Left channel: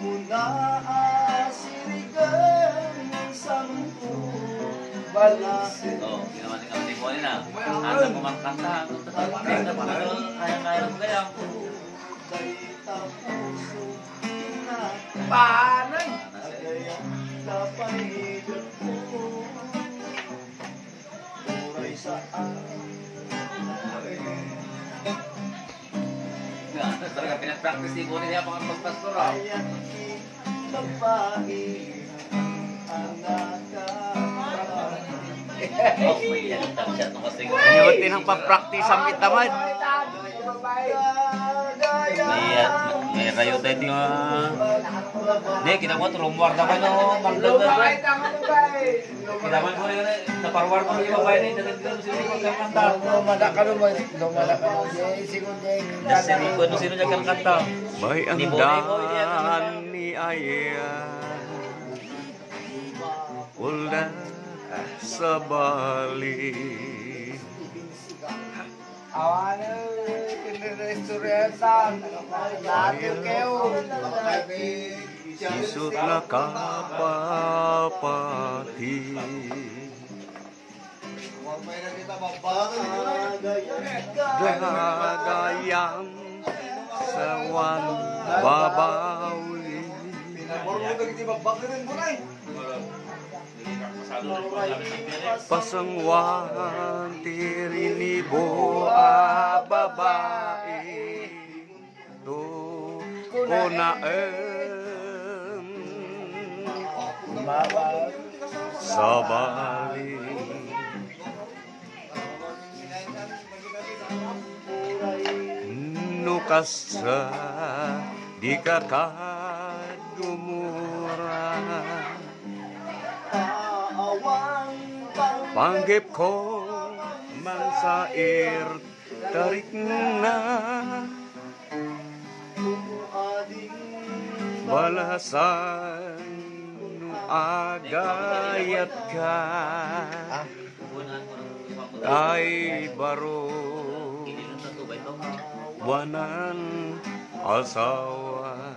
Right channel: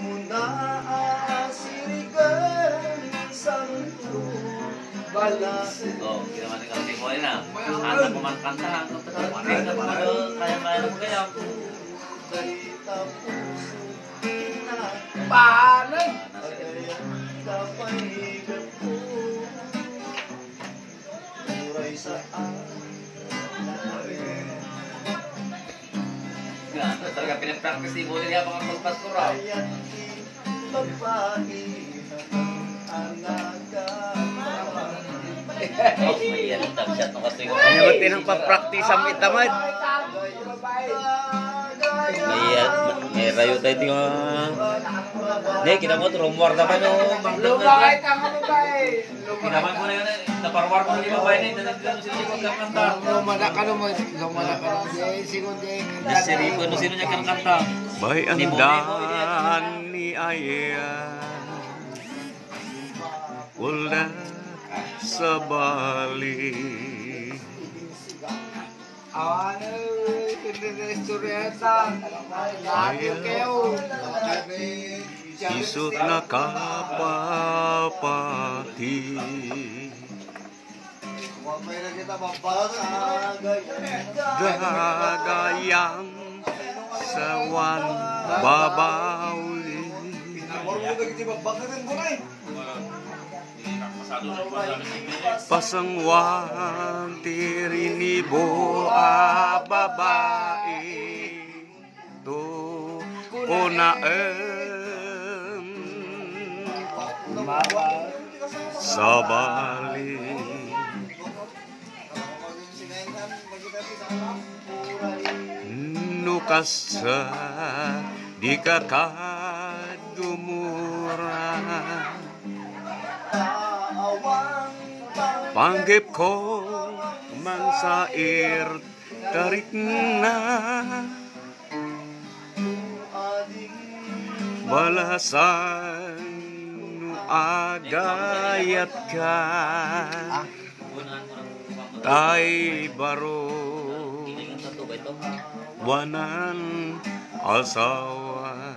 Muna asirigan sa mundo balas. Oh, ginawa ni kami mo na. Anak ko magkanta, ang kaya mo kaya. Dalita puso na Panay! agayan kapahigan ko. Muray sa Talaga pinapractice ni Bonnie niya pang pagpastora. Ayan babae Oh, may yan ang tagsyat ng kasing. Ano tinang pa-practice ang itamad? May rayo tayo ito yung... Hindi, kinabot, rumor naman yung bangkot. Lumabay tama babay! Kinaman ko na yun, naparwar mo yung babae na yun, dali-dali sila yung magkakanta. Lumada ka naman, Sino niya kang kanta? May andan ni Ayan Wala sa bali Awan na istoryeta, radio kayo. Sisot na kapapati Gagayang sawan babawli Pasangwan tirinibo a babae To sa bali Nukas sa di kakadumura Panggip ko man sa tarik na Balasan no agayat ka Tay baro Wanan asawa